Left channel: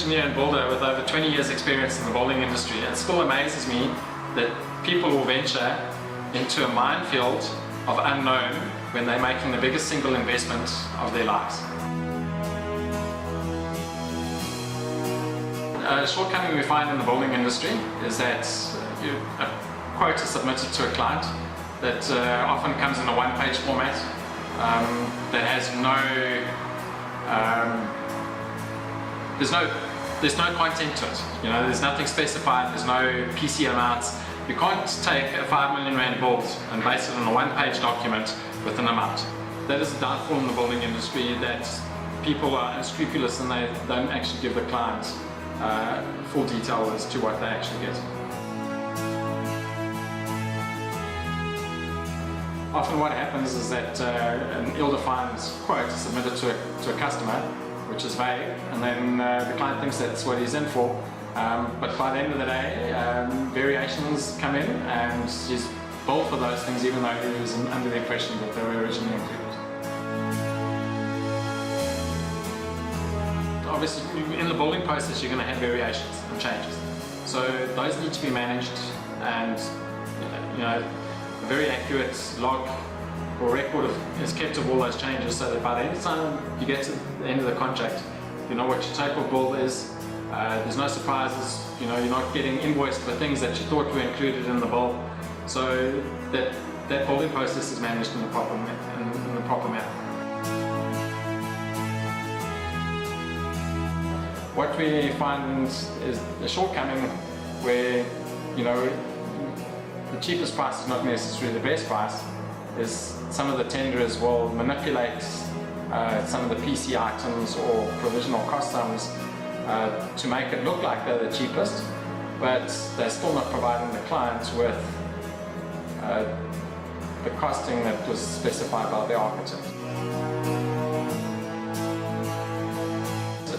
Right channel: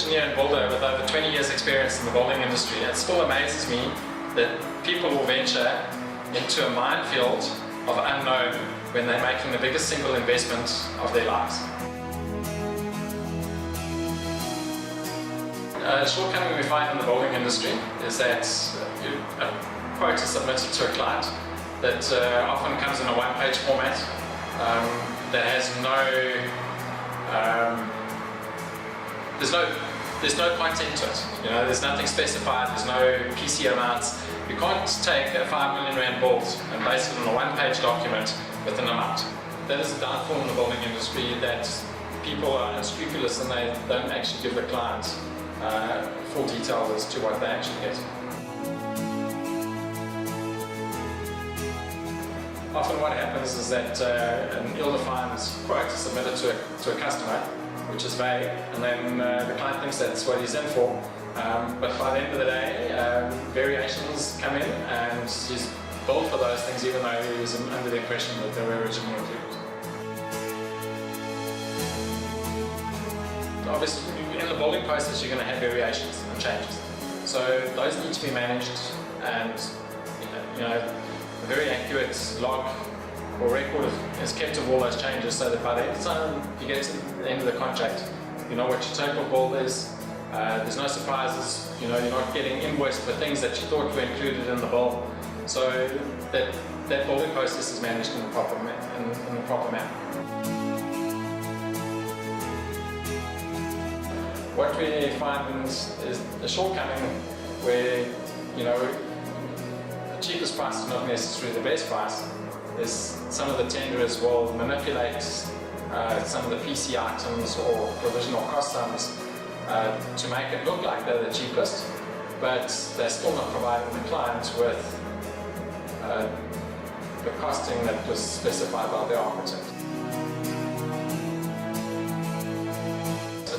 engineer and builder with over 20 years experience in the building industry, it still amazes me that people will venture into a minefield of unknown when they're making the biggest single investment of their lives. A shortcoming we find in the building industry is that a quote is submitted to a client that often comes in a one-page format that has there's no content to it. You know, there's nothing specified, there's no PC amounts. You can't take a 5 million rand build and base it on a one-page document with an amount. That is a downfall in the building industry, that people are unscrupulous and they don't actually give the client full detail as to what they actually get. Often what happens is that an ill-defined quote is submitted to a customer, which is vague, and then the client thinks that's what he's in for. But by the end of the day, variations come in and he's billed for those things even though he was under the impression that they were originally included. Obviously, in the building process, you're going to have variations and changes. So those need to be managed, and you know, a very accurate log or record is kept of all those changes, so that by the end of the time you get to the end of the contract, you know what your total bill is. There's no surprises. You know, you're not getting invoiced for things that you thought were included in the bill. So that building process is managed in the proper manner. What we find is a shortcoming where, you know, the cheapest price is not necessarily the best price. Is some of the tenderers will manipulate some of the PC items or provisional cost sums to make it look like they're the cheapest, but they're still not providing the clients with the costing that was specified by the architect.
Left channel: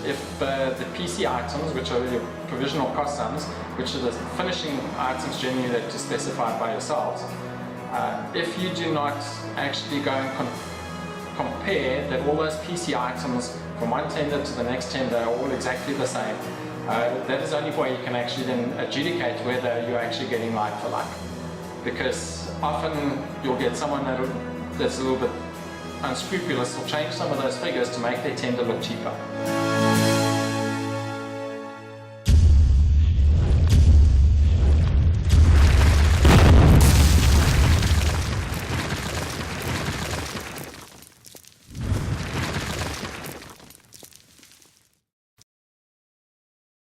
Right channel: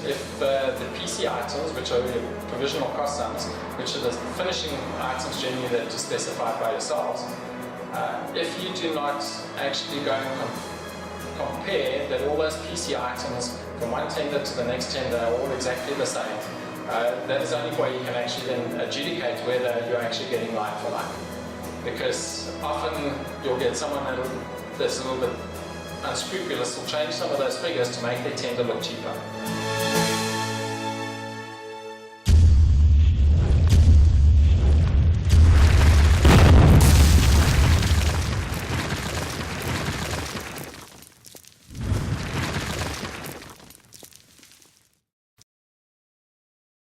If the PC items, which are your provisional cost sums, which are the finishing items generally that are specified by yourselves, if you do not actually go and compare that all those PC items from one tender to the next tender are all exactly the same, that is the only way you can actually then adjudicate whether you're actually getting like for like. Because often you'll get someone that's a little bit unscrupulous will change some of those figures to make their tender look cheaper.